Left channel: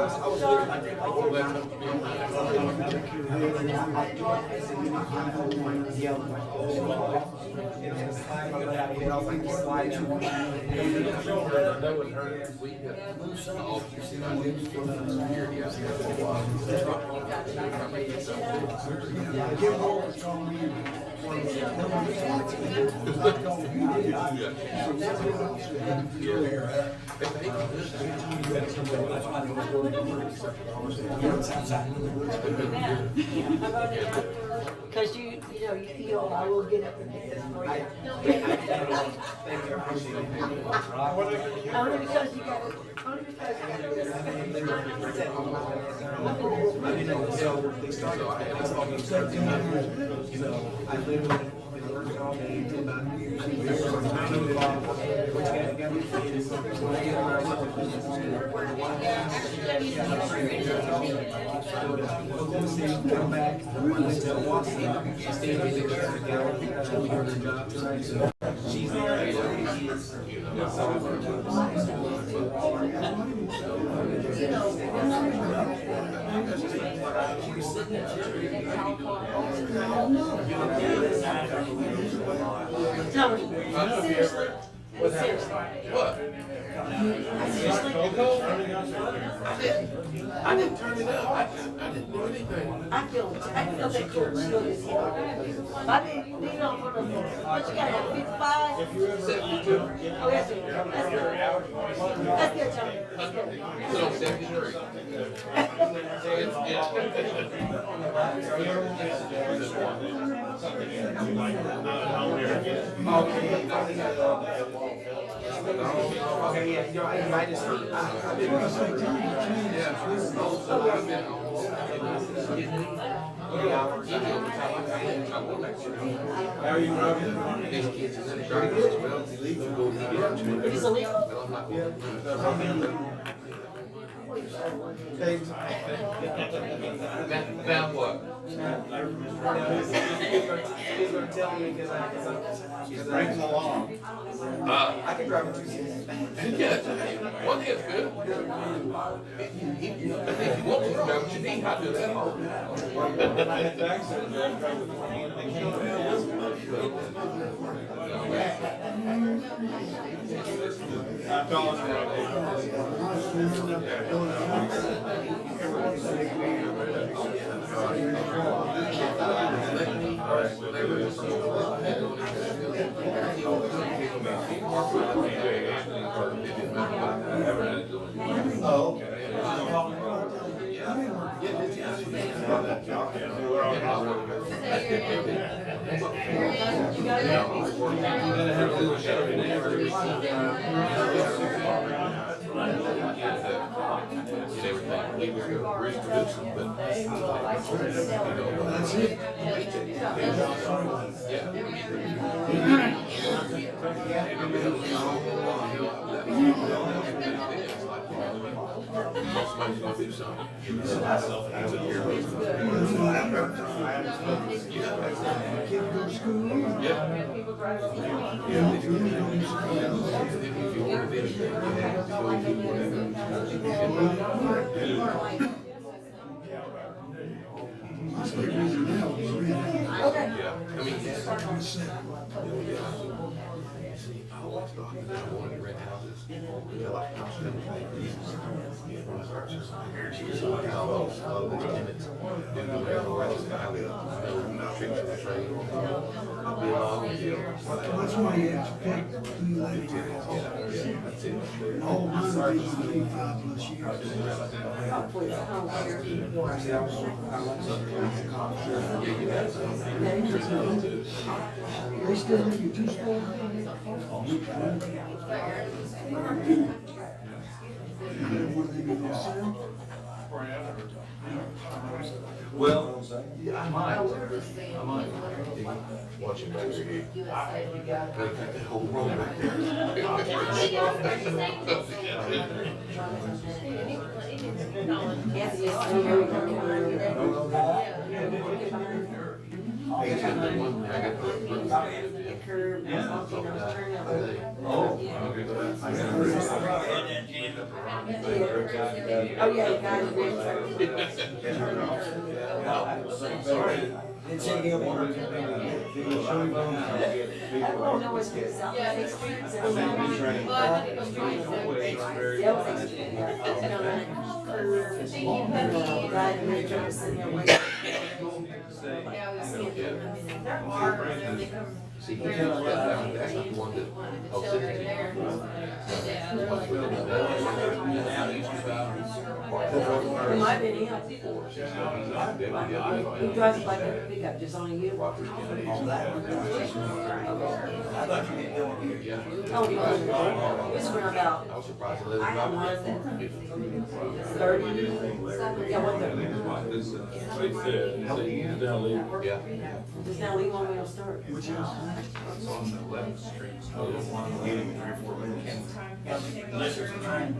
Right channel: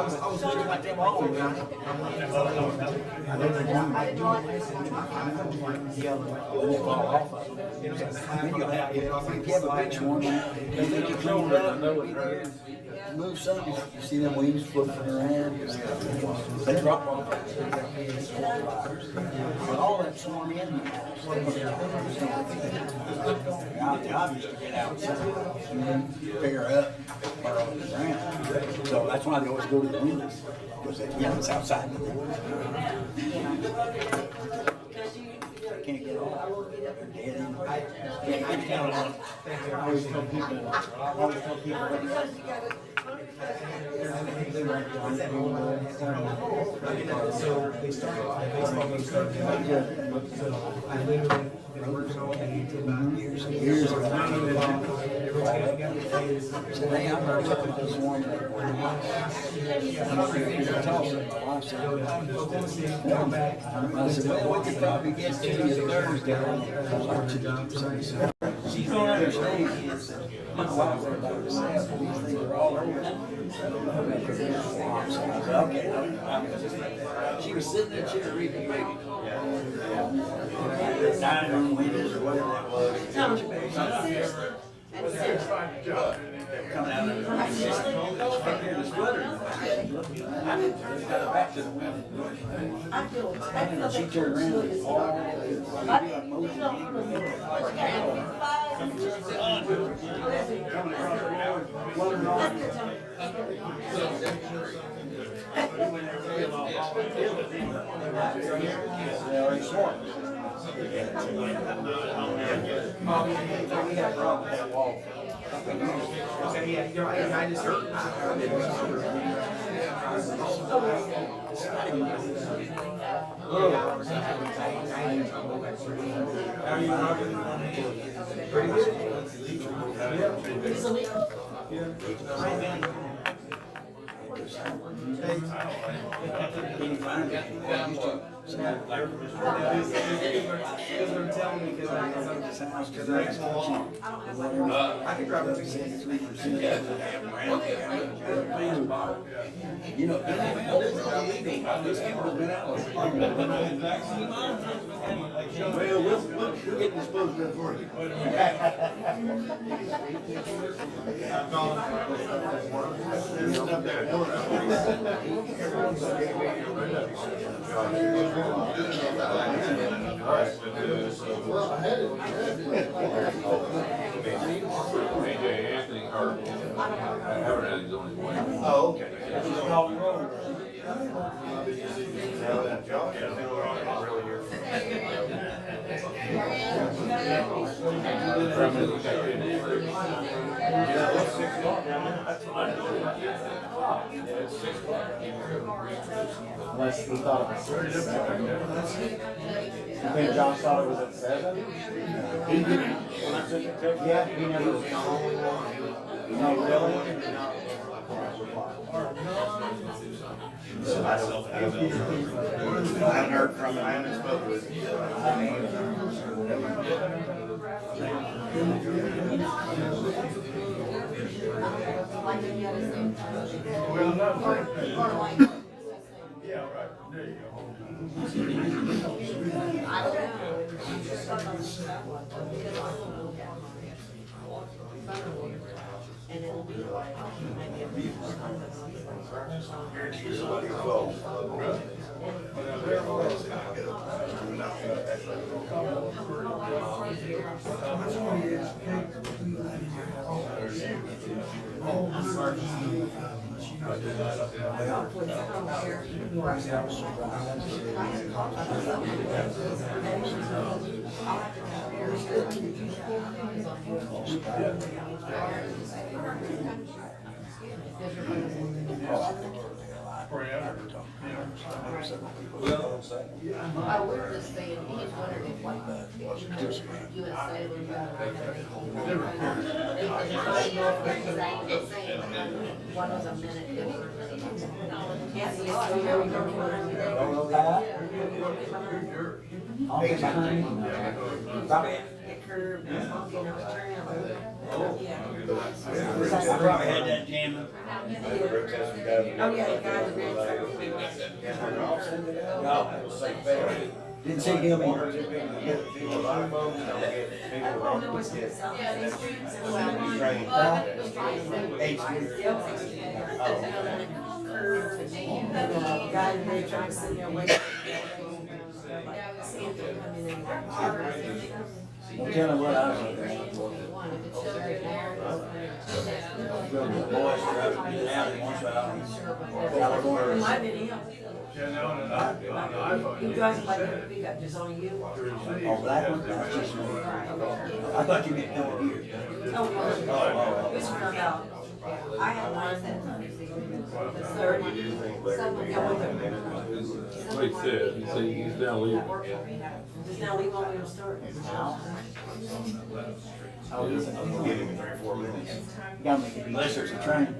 was looking at them all around. I know they want to do this and Move Sunday, you see them wheels flipping around. They drop off. All that's thrown in. Figure out. So that's why I always go to the woods. It's outside. Because you know, I will get up and get it. Thank you, I appreciate it. Only because you got it. Only because you got it. So they started, baseball games started 2 years ago. So I literally been working all day until about years and years. So I know that which got the kids. So they got where I went to this one. Oklahoma City, come back. I went to Milwaukee, stayed with the Cougars down at job site. So she's on the kids. She was sitting in chair reading radio. Seriously. Seriously. I feel that coach look is I didn't, you know, what you got, 55? Oh, that's good. That's good, Tony. That's good. Okay, yeah, you're right. I just heard. How are you, Robin? Pretty good. It's illegal? He's gonna tell me because I can grab a 2 cents. Well, we'll get disposed of that for you. I'm calling Oh, okay. Well, I was just saying, he was wondering if like, USA would got all the time. Get curved, and funky, and I was turning up. Yeah. I probably had that jamming. Oh, yeah, the guy in the red truck. Didn't see him either. Oh, no, it's South Eighth Street, so Well, I think it was twenty-seven. yeah, it was Eighth Street, yeah. You know, then it curved, and the guy in the red truck was sitting there waiting. Like, seeing him come in and park. You tell me what I was. The children there. Boys driving in and out at one side. It might have been him. He drives like a pickup, just only you. Oh, that one? I thought you meant down here. Oh, no. This one about, I have one that 30. Yeah, 130. Like I said, he's now leaving. Just now leave when we'll start. Give him 3 or 4 minutes. Got me, unless there's a train.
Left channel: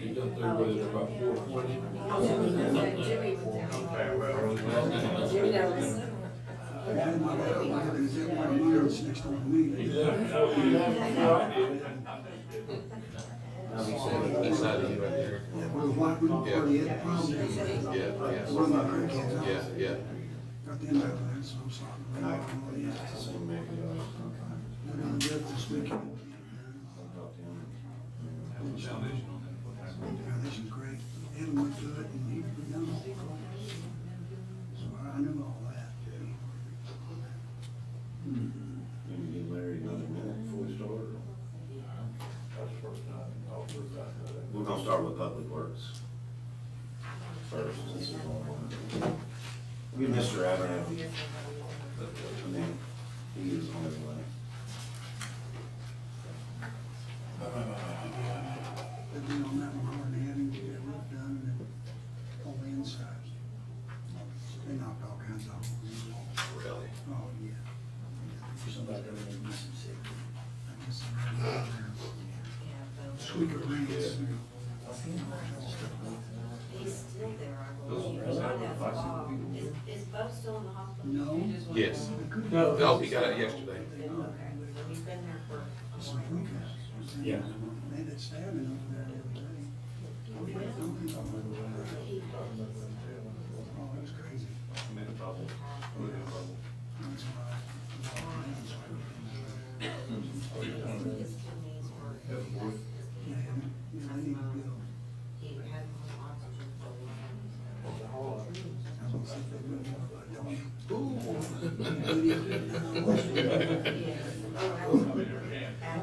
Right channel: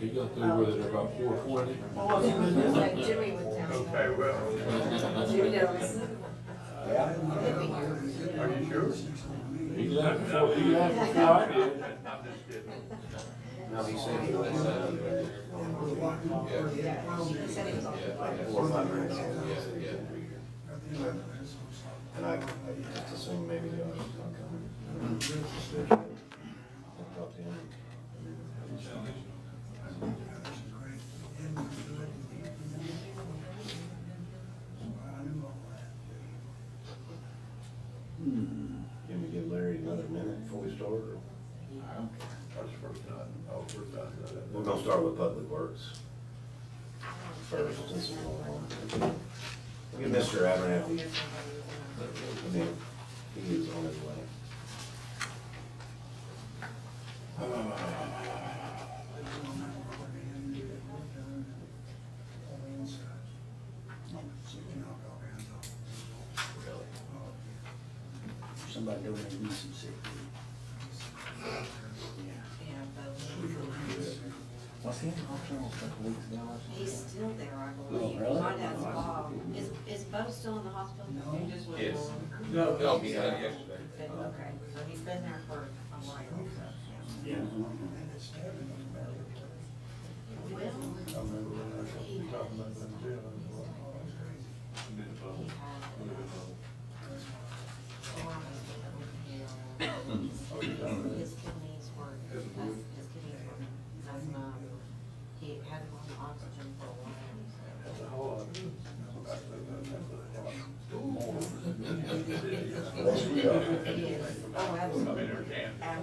He got through with it about 4:20. Jimmy was down. Jimmy knows. He left before I did. Now he said he was, He said he was on. 4 or 5 minutes. And I just assumed maybe Josh was gonna come. Can we give Larry another minute before we start? We're gonna start with Public Works first. Since we'll get Mr. Abernathy. I mean, he is on his way. Somebody donated me some sick. He's still there, I believe. He might have Bob. Is Bo still in the hospital? No. Yes. No, he got it yesterday. Okay, so he's been there for a while. Yeah. His kidneys were, his kidneys were messing up. He had him on oxygen for a while. Oh,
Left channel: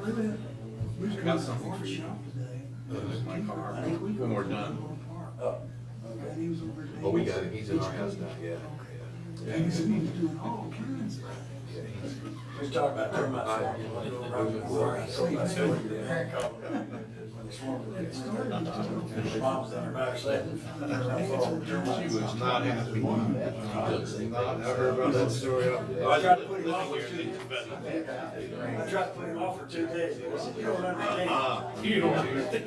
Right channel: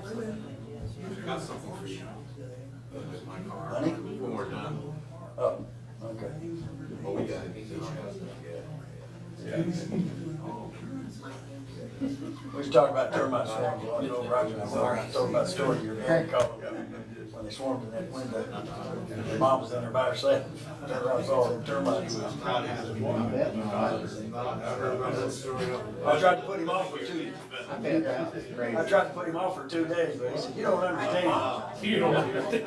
absolutely. I got something for you. In my car. When we're done. Oh, okay. But we got it, he's in our house now, yeah. We was talking about termite swarms, you know, right before, I told about the story your parent called when they swarmed in that window. Your mom was in there by herself, and there was all the termites. Not happy. I heard about that story. I tried to put him off for 2 days. I tried to put him off for 2 days, but he said, you don't understand. You don't understand.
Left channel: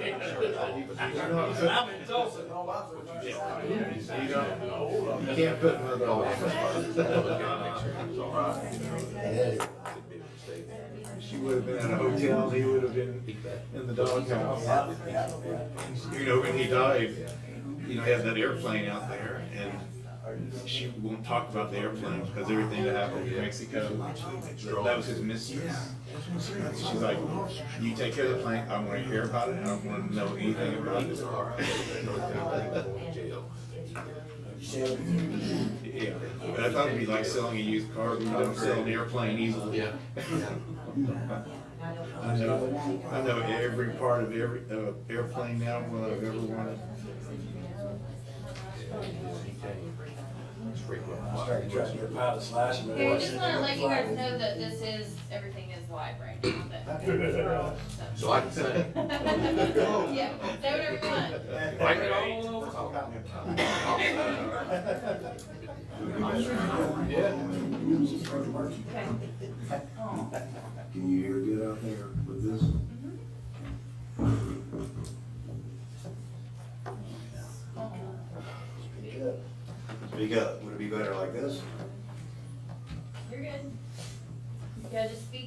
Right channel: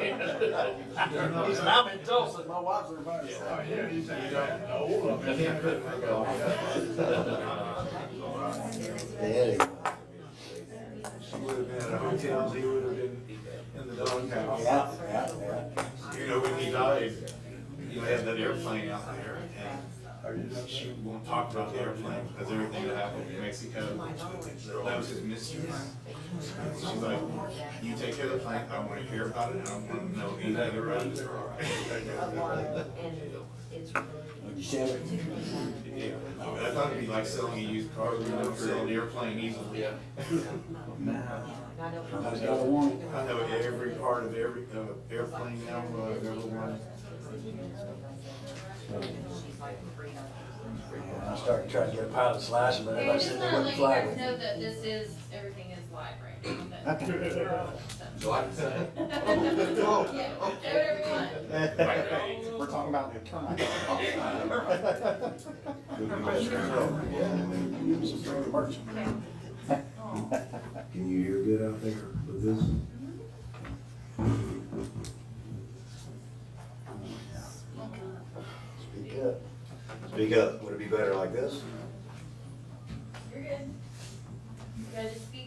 He said, I'm in Tulsa, my wife's in America. You can't put him in the office. She would have been at a hotel, he would have been in the doghouse. Yeah, yeah, yeah. You know, when he died, you know, he had that airplane out there, and she won't talk about the airplane because everything that happened in Mexico, that was his mistress. She's like, you take care of the plane, I don't want to hear about it, I don't want to know anything about it. You said it. Yeah, I thought it'd be like selling a used car, we don't sell an airplane easily. I know every part of every airplane now, I've ever wanted. I started trying to get a pilot's license, but I Hey, said, just they wanna wouldn't let you fly guys with me. know that this is, everything is live right now, that Okay. we're all, So I can say, yeah, say whatever you want. Mike Bay. We're talking about the airplane. Can you hear good out there with this?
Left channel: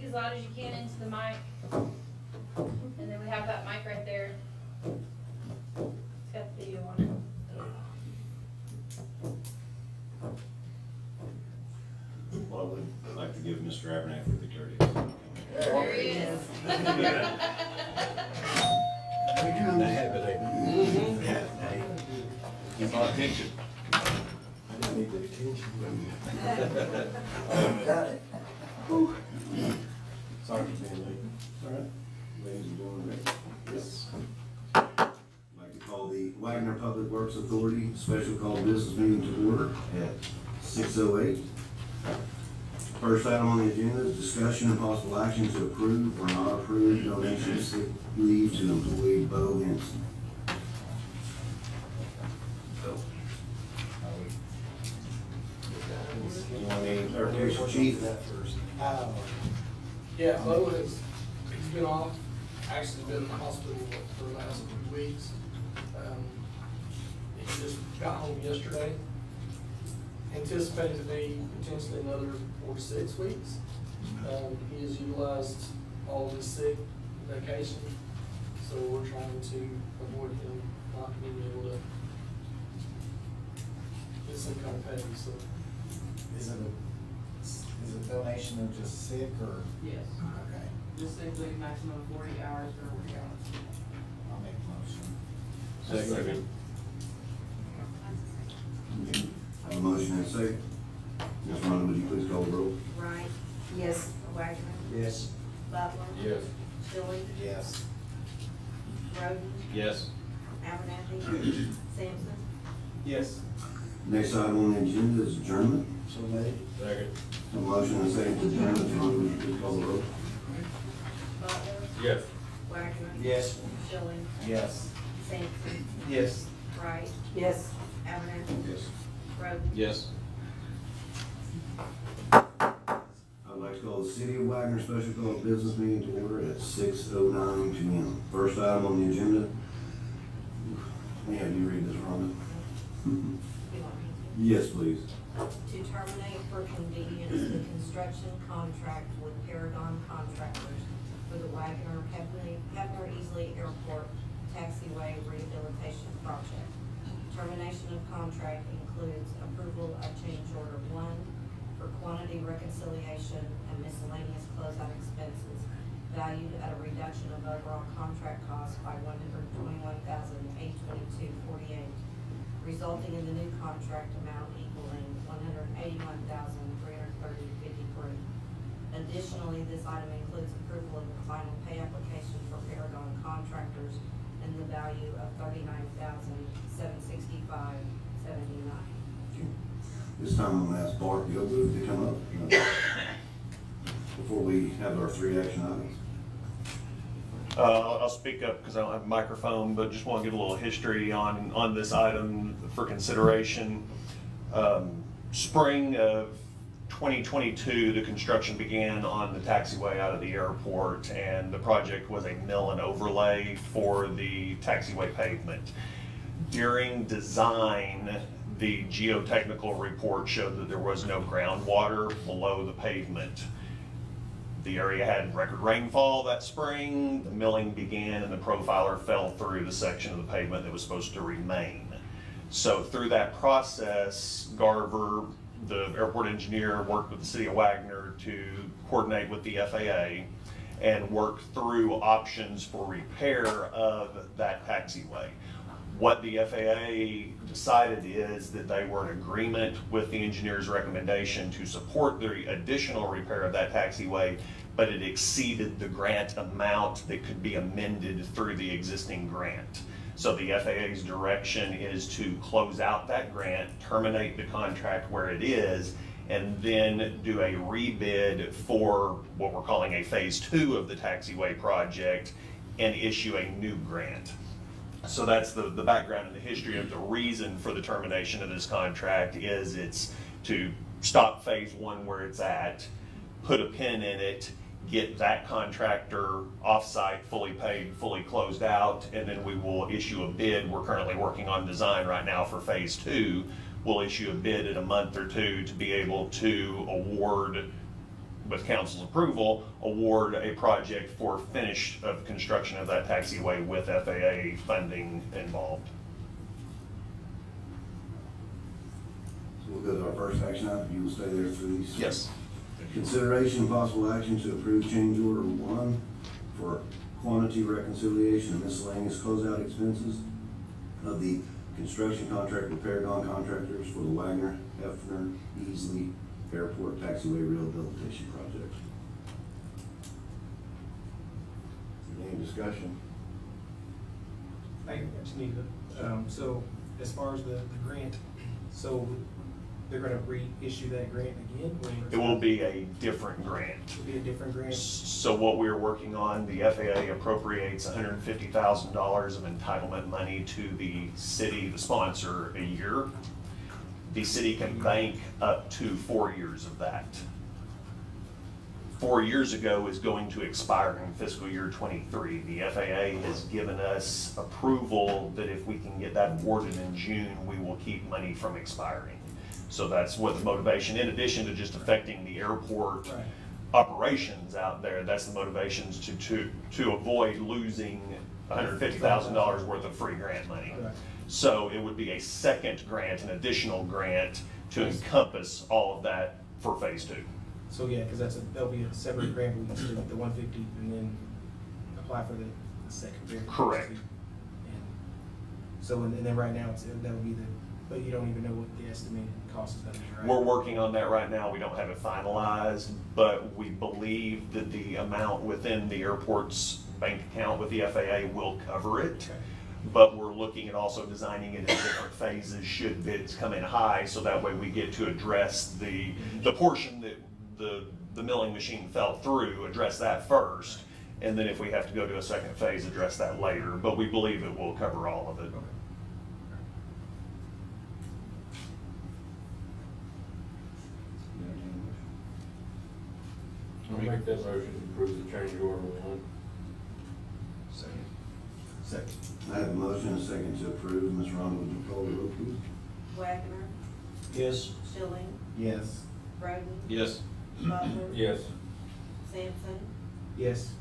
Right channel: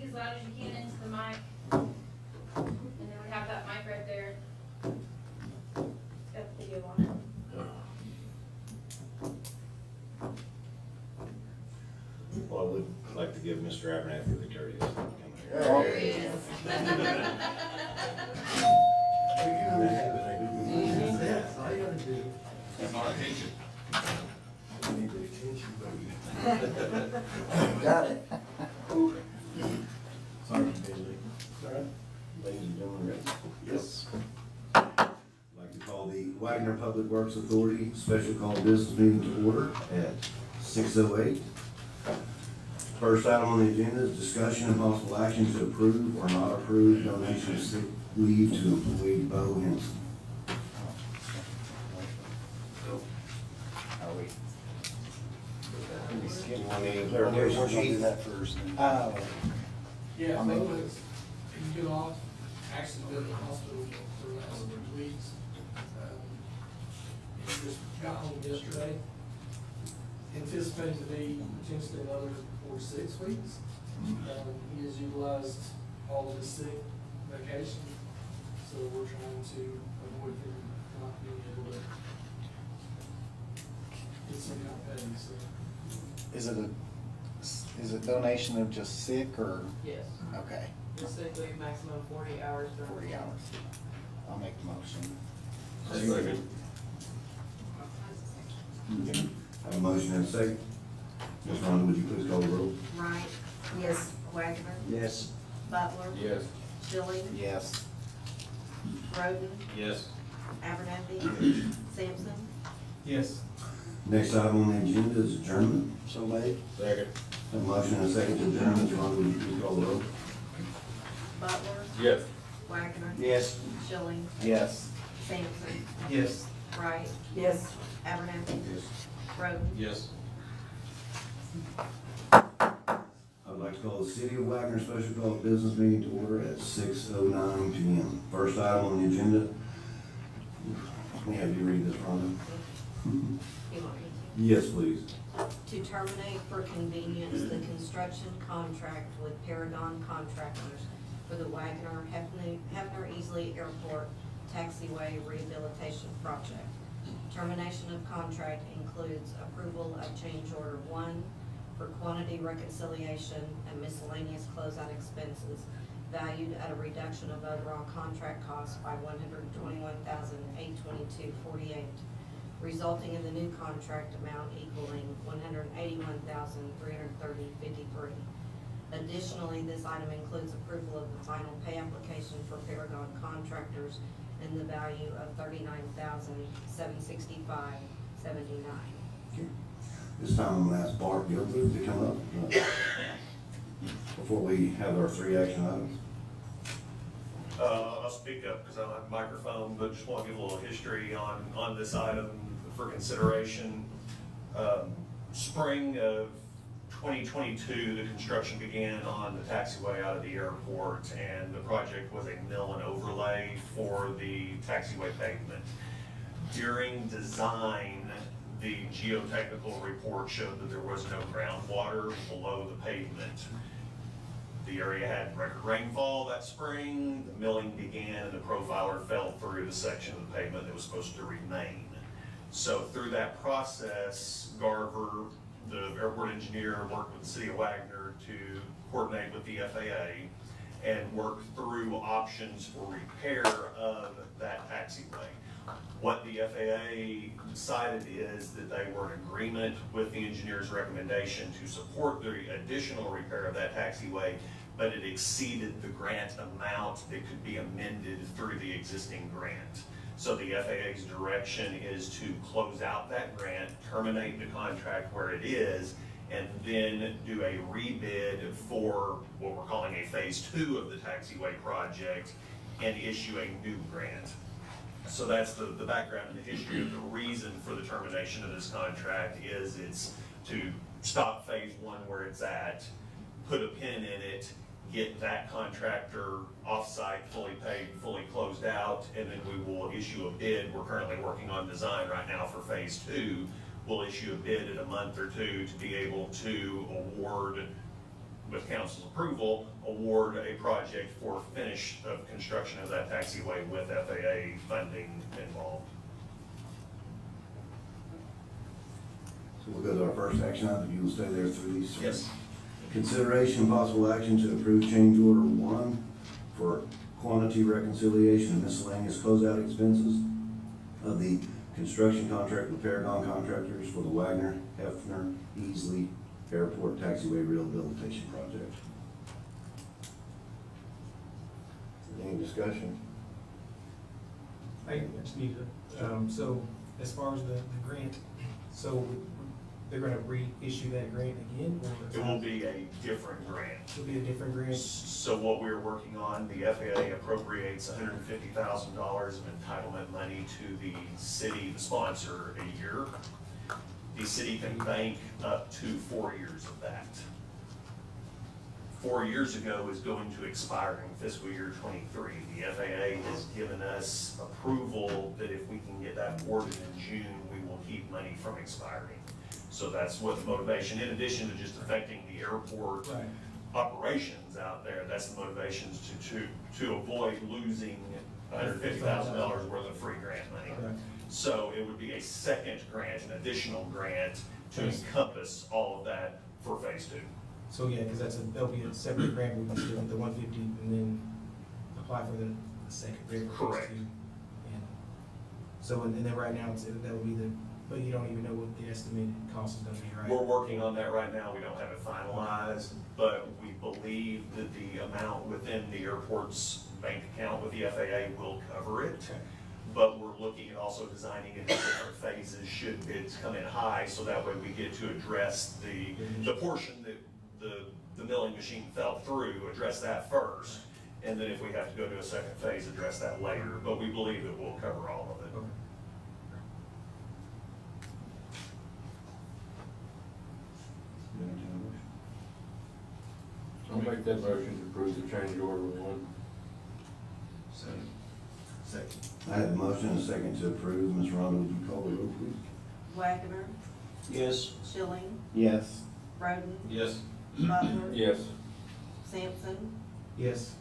as loud as you can into the mic. And then we have that mic right there. It's got video on it. Well, I would like to give Mr. Abernathy the courteous. There he is. Keep on attention. Got it. Sorry, Bailey. Ladies and gentlemen, yes. I'd like to call the Wagner Public Works Authority special call business meeting to order at 6:08. First item on the agenda is discussion and possible action to approve or not approve donation of sick leave to employee Bo Henson. So, you want any clarification, Chief? Yeah, Bo has, he's been off, actually been in the hospital for the last 2 weeks. He just got home yesterday. Anticipated to be potentially another 4 to 6 weeks. He has utilized all of his sick vacation, so we're trying to avoid him not being able to get some kind of pay, so. Is it donation of just sick or? Yes, Okay, just simply maximum 40 hours for 40 hours. I'll make the motion. Second. Okay. Have a motion and a second. Ms. Rhonda, would you please call the roll? Wright. Yes. Wagner. Yes. Butler. Yes. Schilling. Yes. Roden. Yes. Abernathy. Sampson. Yes. Next item on the agenda is adjournment. So made. Second. Have a motion and a second to adjourn. Ms. Rhonda, would you please call the roll? Butler. Yes. Wagner. Yes. Schilling. Yes. Sampson. Yes. Wright. Yes. Abernathy. Yes. Roden. Yes. I'd like to call the City of Wagner special call business meeting to order at 6:09 p.m. First item on the agenda. Let me have you read this, Rhonda. You want me to? Yes, please. To terminate for convenience the construction contract with Paragon Contractors for the Wagner Hefner Easley Airport Taxiway Rehabilitation Project. Termination of contract includes approval of change order 1 for quantity reconciliation and miscellaneous closeout expenses valued at a reduction of overall contract cost by $121,822.48, resulting in the new contract amount equaling $181,330.53. Additionally, this item includes approval of the final pay application for Paragon Contractors in the value of $39,765.79. This time I'm gonna ask Bart Gilbert to come up before we have our 3 action items. I'll speak up because I don't have a microphone, but just want to give a little history on this item for consideration. Spring of 2022, the construction began on the taxiway out of the airport, and the project was a mill and overlay for the taxiway pavement. During design, the geotechnical report showed that there was no groundwater below the pavement. The area had record rainfall that spring, the milling began, and the profiler fell through the section of the pavement that was supposed to remain. So through that process, Garver, the airport engineer, worked with the City of Wagner to coordinate with the FAA and work through options for repair of that taxiway. What the FAA decided is that they were in agreement with the engineer's recommendation to support the additional repair of that taxiway, but it exceeded the grant amount that could be amended through the existing grant. So the FAA's direction is to close out that grant, terminate the contract where it is, and then do a rebid for what we're calling a phase 2 of the taxiway project and issue a new grant. So that's the background and the history of the reason for the termination of this contract is it's to stop phase 1 where it's at, put a pin in it, get that contractor off-site, fully paid, fully closed out, and then we will issue a bid. We're currently working on design right now for phase 2. We'll issue a bid in a month or two to be able to award with council's approval, award a project for finish of construction of that taxiway with FAA funding involved. So we'll go to our first action item, you will stay there through these. Yes. Consideration and possible action to approve change order 1 for quantity reconciliation and miscellaneous closeout expenses of the construction contract with Paragon Contractors for the Wagner Hefner Easley Airport Taxiway Rehabilitation Project. Any discussion? I just need to, so as far as the grant, so they're gonna reissue that grant again? Or It will be a different grant. It'll be a different grant? So what we're working on, the FAA appropriates $150,000 of entitlement money to the city, the sponsor, a year. The city can bank up to 4 years of that. 4 years ago is going to expire in fiscal year '23. The FAA has given us approval that if we can get that awarded in June, we will keep money from expiring. So that's what the motivation, in addition to just affecting the airport Right. operations out there, that's the motivations to avoid losing $150,000 worth of free grant money. Right. So it would be a second grant, an additional grant to encompass all of that for phase 2. So, yeah, cause that'll be a separate grant, we can still get the 150 and then apply for the second grant. Correct. And so, and then right now, that would be but you don't even know what the estimated cost is gonna be, right? We're working on that right now, we don't have it finalized, but we believe that the amount within the airport's bank account with the FAA will cover it. Okay. But we're looking at also designing it in different phases should bids come in high, so that way we get to address the portion that the milling machine fell through, address that first. And then if we have to go to a second phase, address that later, but we believe it will cover all of it. Okay. I'll make that motion to approve the change order 1. Second. I have a motion and a second to approve. Ms. Rhonda, would you call the roll, please? Wagner, Yes. Schilling, Yes. Roden, Yes. Butler. Yes. Sampson, Yes.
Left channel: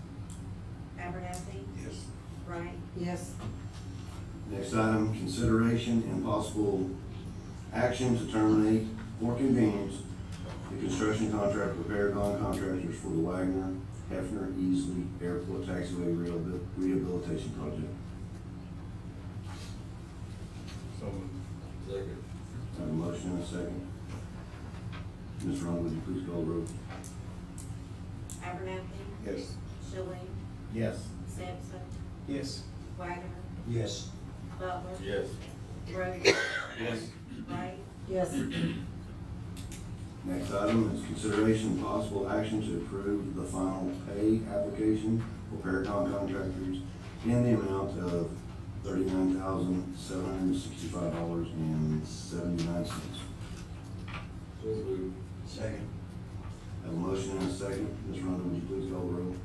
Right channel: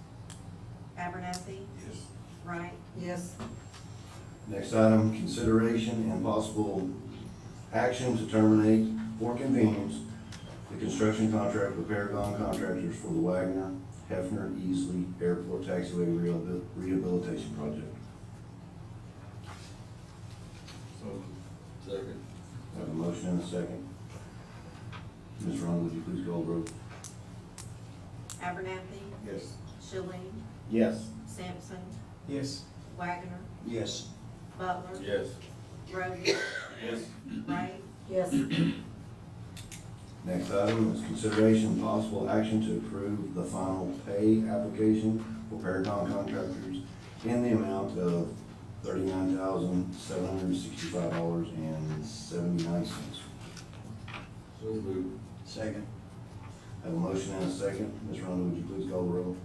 Abernathy, Yes. Wright. Yes. Next item, consideration and possible action to terminate for convenience the construction contract with Paragon Contractors for the Wagner Hefner Easley Airport Taxiway Rehabilitation Project. Second. I have a motion and a second. Ms. Ron, would you please call the roll? Abernathy, Yes. Schilling, Yes. Sampson, Yes. Wagner, Yes. Butler. Yes. Roden, Yes. Wright. Yes. Next item is consideration and possible action to approve the final pay application for Paragon Contractors in the amount of $39,765.79. So moved. Second. I have a motion and a second. Ms. Rhonda, would you please call the roll?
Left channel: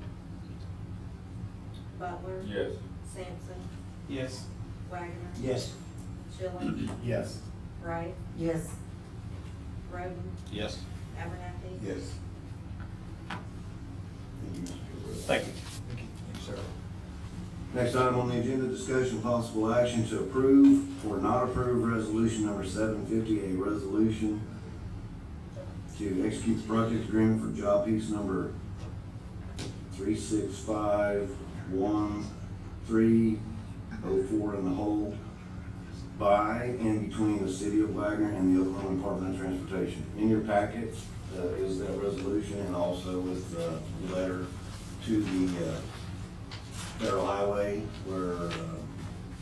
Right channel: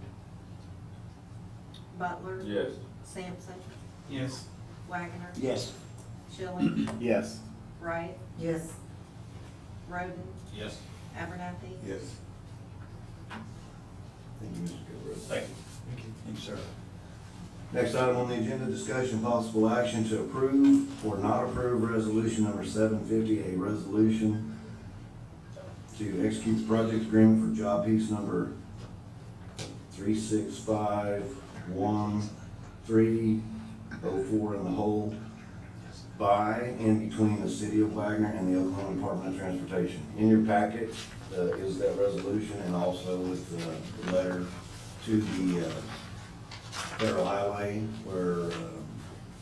Butler. Yes. Sampson, Yes. Wagner, Yes. Schilling, Yes. Wright, Yes. Roden, Yes. Abernathy. Yes. Thank you, Mr. Kilbride. Thank you. Thank you, sir. Next item on the agenda, discussion possible action to approve or not approve resolution number 750, a resolution to execute the project agreement for job piece number 3651304 in the whole by and between the city of Wagner and the Oklahoma Department of Transportation. In your packet is that resolution, and also with the letter to the Federal Highway, where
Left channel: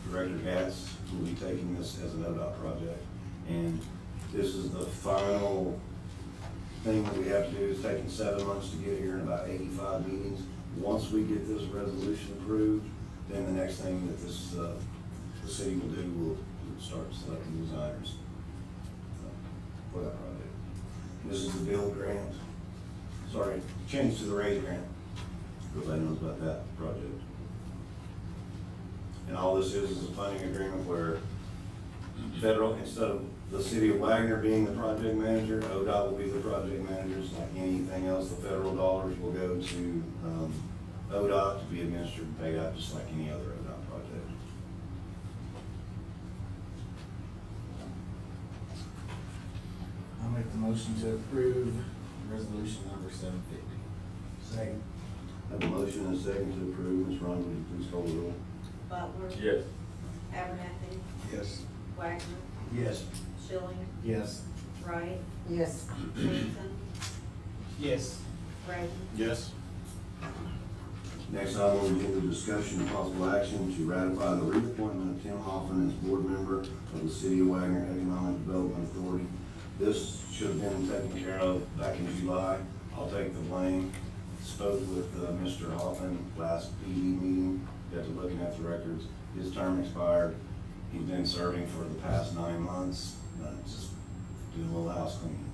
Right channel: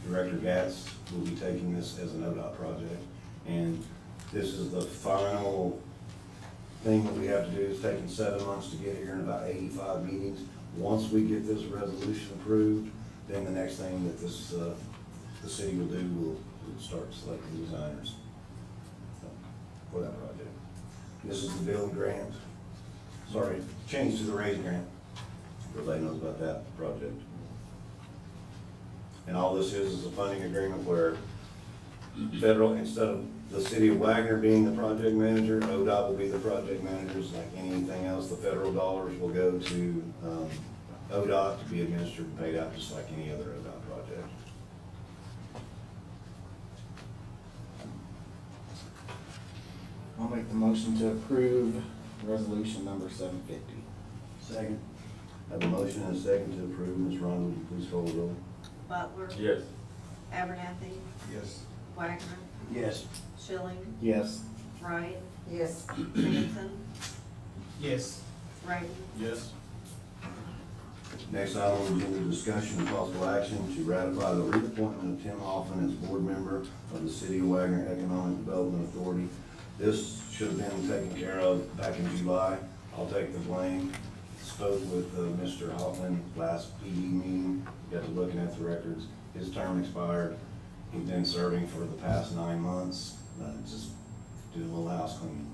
Director Gatz will be taking this as an ODOT project. And this is the final thing that we have to do. It's taken 7 months to get here and about 85 meetings. Once we get this resolution approved, then the next thing that the city will do, we'll start selecting designers for that project. This is the build grant, sorry, change to the raise grant. Everybody knows about that project. And all this is a funding agreement where federal, instead of the city of Wagner being the project manager, ODOT will be the project managers, like anything else, the federal dollars will go to, ODOT to be administered and paid out just like any other ODOT project. I'll make the motion to approve resolution number 750. Second. I have a motion and a second to approve. Ms. Ron, would you please call the roll? Butler. Yes. Abernathy. Yes. Wagner. Yes. Schilling. Yes. Wright. Yes. Sampson. Yes. Braden. Yes. Next item on the agenda, discussion and possible action to ratify the reappointment of Tim Hoffman as board member of the City of Wagner Economic Development Authority. This should have been taken care of back in July. I'll take the blame. Spoke with Mr. Hoffman last PD meeting, got to looking at the records. His term expired. He's been serving for the past 9 months. Just did a little house cleaning.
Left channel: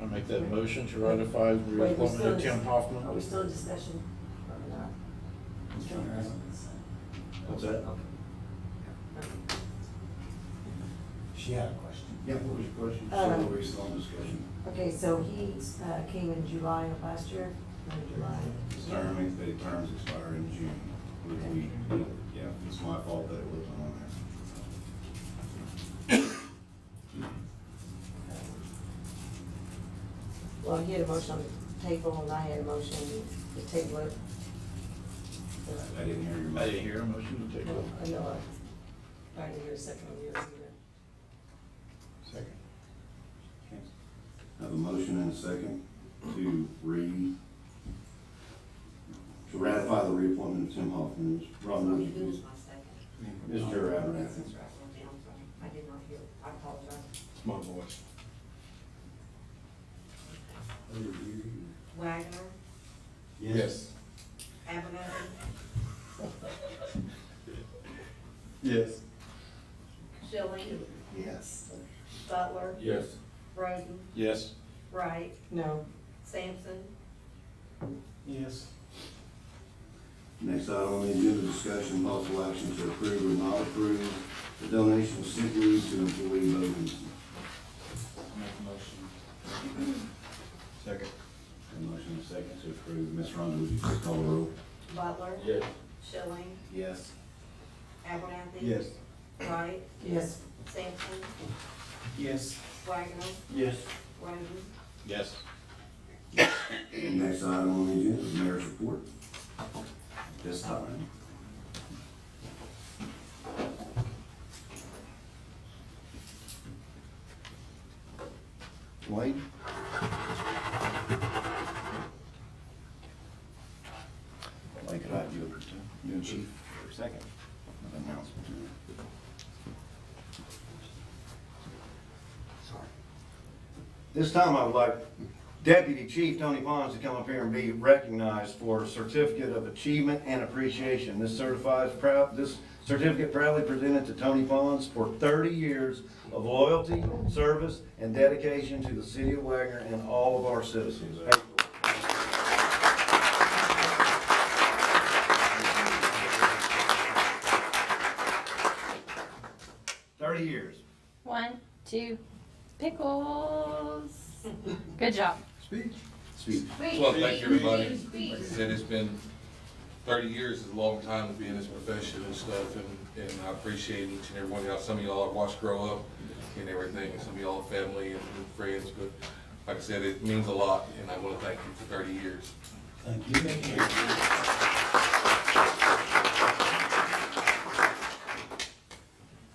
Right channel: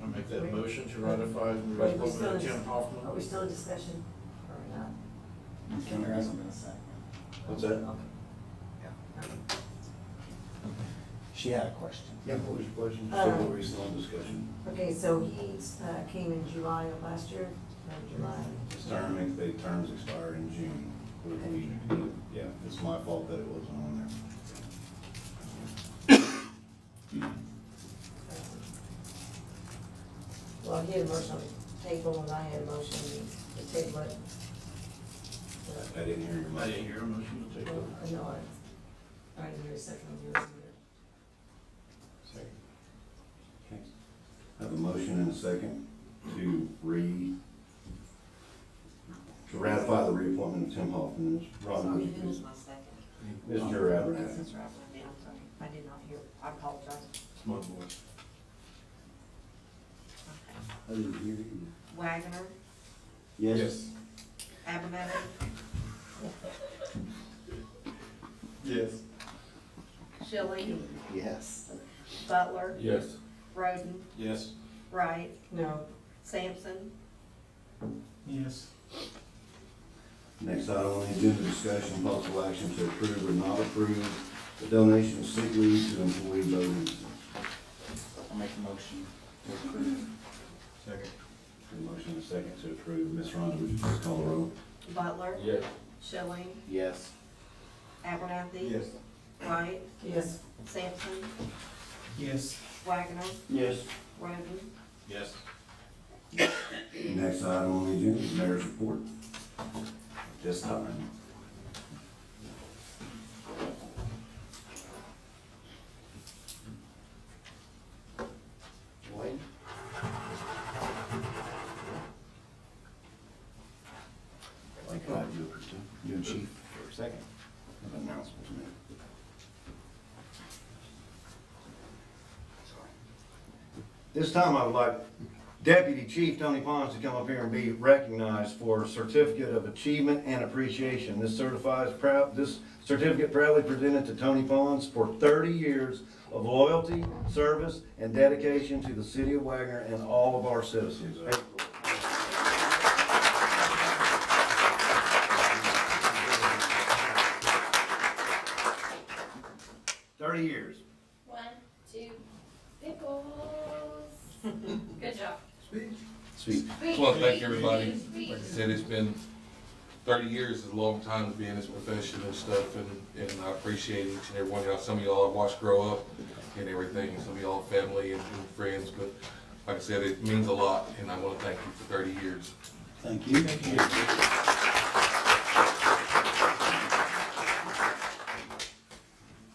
I make that motion to ratify the Wait, we appointment still, of Tim Hoffman. are we still in discussion or not? Ms. Kenner hasn't been second. What's that? She had a question. Yeah, what was your question? So we're still in discussion. Okay, so he, came in July of last year, or July? His terms expire in June. Yeah, it's my fault that it wasn't on there. Well, he had a motion on the table, and I had a motion to table it. I didn't hear your motion. I didn't hear a motion to take Well, it. I know, I didn't hear a second on yours either. Second. Okay. I have a motion and a second to ratify the reappointment of Tim Hoffman. Ms. Ron, would you Who was please? my second? Mr. Abernathy. Mr. Abernathy, I'm sorry. I did not hear. I apologize. It's my voice. I didn't hear you. Wagner. Yes. Abernathy. Yes. Schilling. Yes. Butler. Yes. Roden. Yes. Wright. No. Sampson. Yes. Next item on the agenda, discussion, possible action to approve or not approve the donation of sick leave to employee voters. I'll make the motion to approve. Second. A motion and a second to approve. Ms. Ron, would you please call the roll? Butler. Yes. Schilling. Yes. Abernathy. Wright. Yes. Sampson. Yes. Wagner. Yes. Roden. Yes. Next item on the agenda is mayor's report. This time. Wade? I'd like to have you, you and Chief for a second. An announcement to me. This time I would like Deputy Chief Tony Pons to come up here and be recognized for a Certificate of Achievement and Appreciation. This certificate proudly presented to Tony Pons for 30 years of loyalty, service, and dedication to the City of Wagner and all of our citizens. 30 years. 1, 2, pickles. Good job. Speak. Well, thank you, everybody. Like I said, it's been 30 years is a long time to be in this profession and stuff, and I appreciate each and every one of y'all. Some of y'all I've watched grow up and everything, and some of y'all are family and friends, but like I said, it means a lot, and I want to thank you for 30 years. Thank you. Thank you.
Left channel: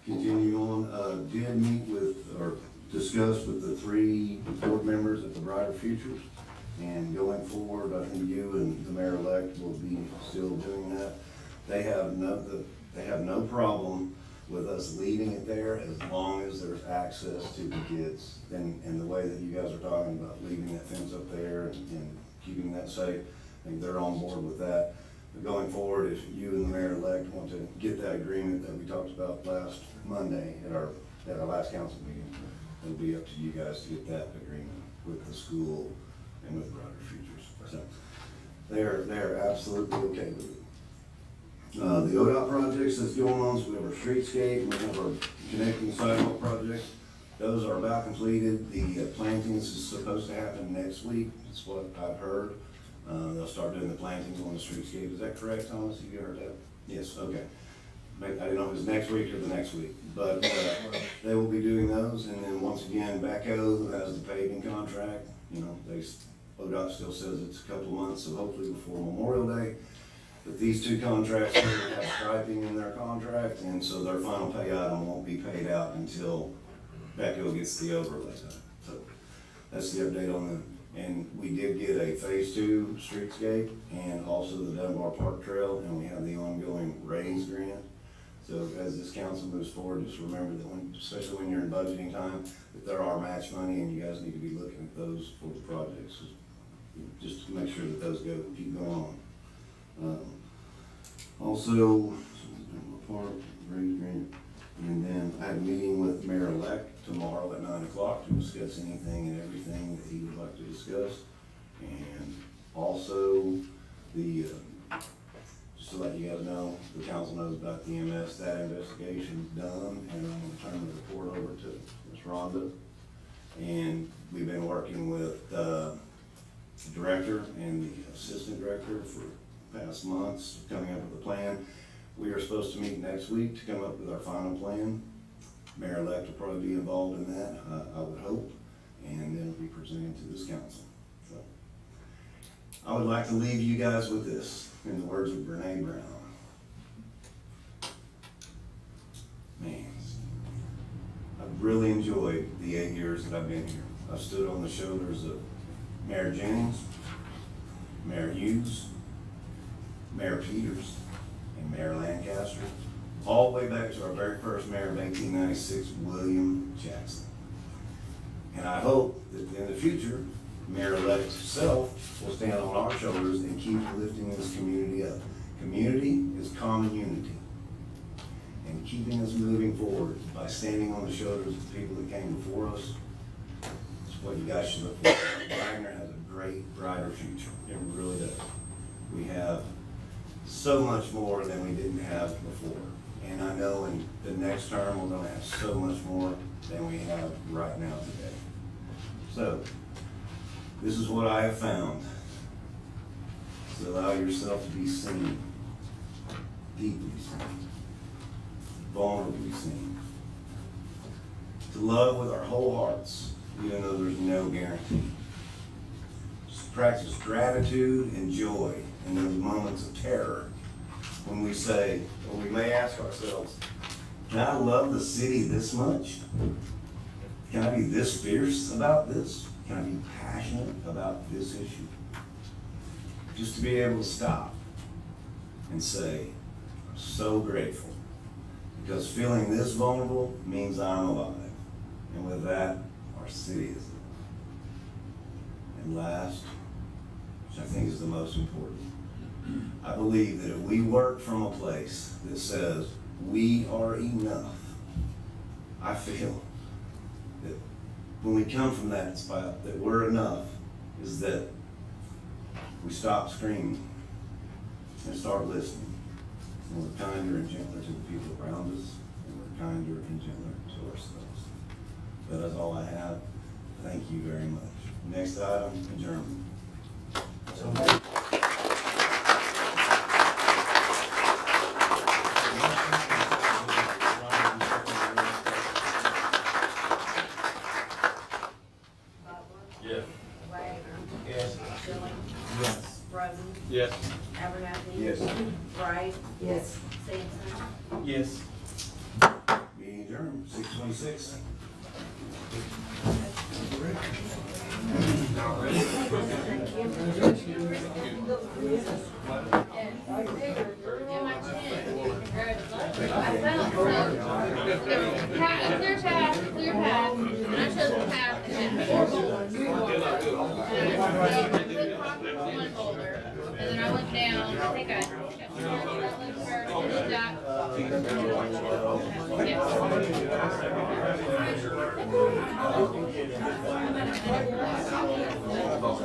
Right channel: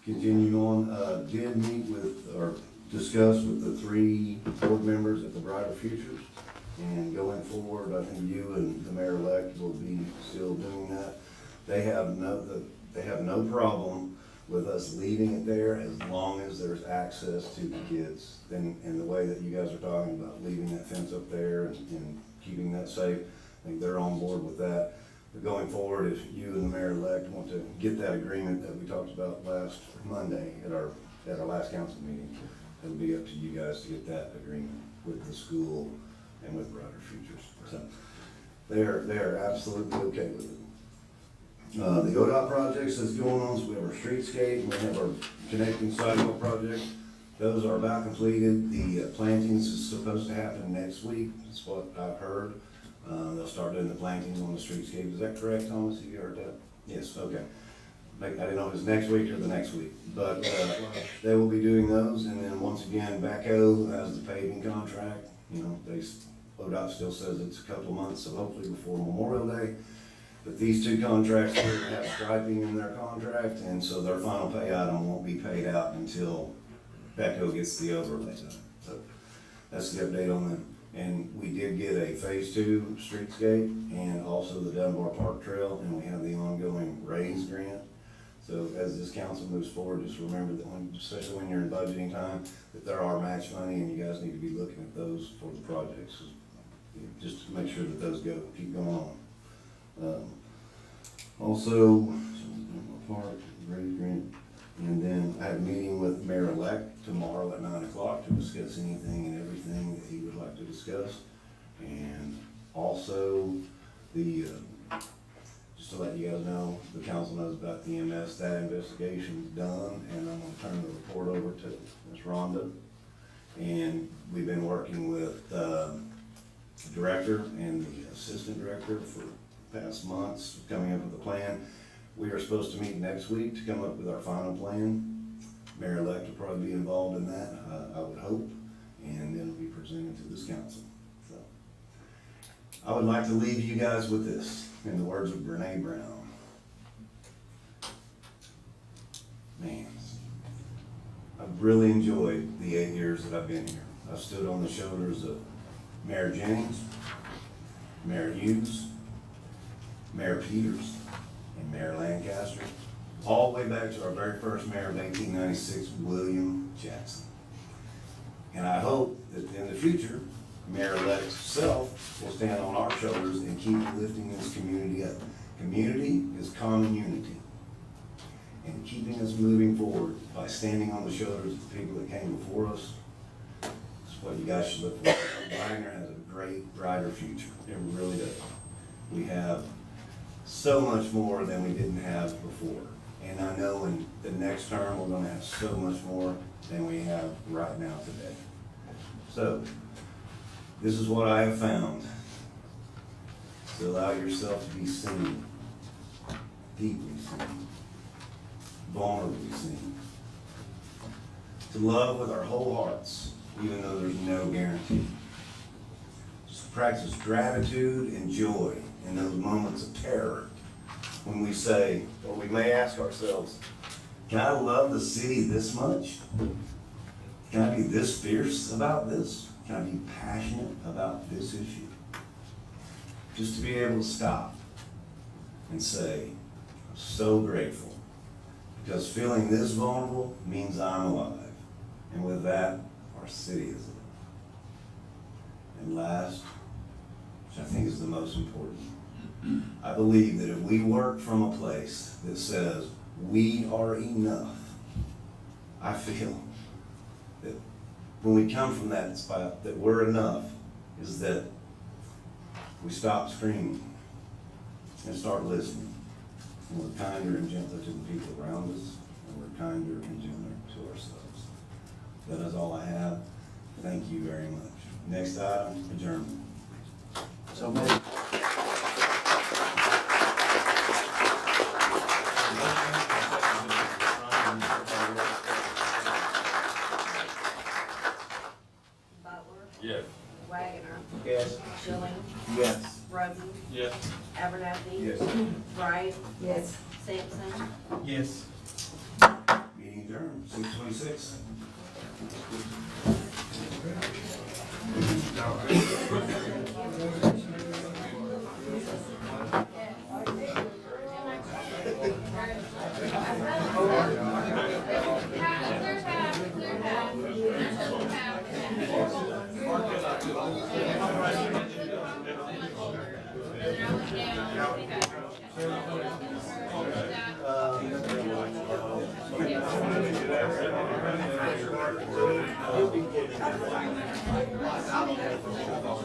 Continue on, did meet with, or discuss with the 3 board members at the Brighter Futures. And going forward, I think you and the mayor-elect will be still doing that. They have no problem with us leaving it there as long as there's access to the kids. And the way that you guys are talking about leaving that fence up there and keeping that safe, I think they're on board with that. But going forward, if you and the mayor-elect want to get that agreement that we talked about last Monday at our last council meeting, it'll be up to you guys to get that agreement with the school and with Brighter Futures. So they are absolutely okay with it. The ODOT projects that's going on, so we have our streetscape, and we have our connecting sidewalk project. Those are about completed. The plantings is supposed to happen next week, that's what I've heard. They'll start doing the plantings on the streetscape. Is that correct, Thomas? Have you heard that? Yes, okay. I didn't know if it was next week or the next week, but they will be doing those. And then once again, Backhoe has the paving contract. You know, ODOT still says it's a couple of months, so hopefully before Memorial Day. But these two contracts here have striping in their contract, and so their final pay item won't be paid out until Backhoe gets the overlay done. So that's the update on them. And we did get a phase 2 streetscape and also the Dunbar Park Trail, and we have the ongoing RAISE grant. So as this council moves forward, just remember that especially when you're in budgeting time, that there are match money and you guys need to be looking at those for the projects. Just to make sure that those keep going on. Also, park, RAISE grant. And then I had a meeting with Mayor-elect tomorrow at 9 o'clock to discuss anything and everything that he would like to discuss. And also just to let you guys know, the council knows about the EMS, that investigation is done, and I'm gonna turn the report over to Ms. Rhonda. And we've been working with the director and the assistant director for the past months, coming up with a plan. We are supposed to meet next week to come up with our final plan. Mayor-elect will probably be involved in that, I would hope, and then it'll be presented to this council. So, I would like to leave you guys with this, in the words of Brene Brown. Man, I've really enjoyed the 8 years that I've been here. I've stood on the shoulders of Mayor Jennings, Mayor Hughes, Mayor Peters, and Mayor Lancaster, all the way back to our very first mayor of 1896, William Jackson. And I hope that in the future, Mayor-elect himself will stand on our shoulders and keep lifting this community up. Community is common unity. And keeping us moving forward by standing on the shoulders of the people that came before us, is what you guys should look for. Wagner has a great, brighter future. It really does. We have so much more than we didn't have before. And I know in the next term, we're gonna have so much more than we have right now today. So, this is what I have found. To allow yourself to be seen, deeply seen, vulnerably seen. To love with our whole hearts, even though there's no guarantee. Just practice gratitude and joy in those moments of terror when we say, or we may ask ourselves, can I love the city this much? Can I be this fierce about this? Can I be passionate about this issue? Just to be able to stop and say, I'm so grateful, because feeling this vulnerable means I'm alive. And with that, our city is alive. And last, which I think is the most important, I believe that if we work from a place that says we are enough, I feel that when we come from that spot, that we're enough, is that we stop screaming and start listening. And we're kinder and gentler to the people around us, and we're kinder and gentler to ourselves. That is all I have. Thank you very much. Next item, adjournment. So maybe. Butler, Yes. Wagner, Yes. Schilling, Yes. Roden, Yes. Abernathy. Yes. Wright, Yes. Sampson. Yes. Meeting adjourned, 6:26. Clear path, clear path. Not just path. And then I went down, I think I.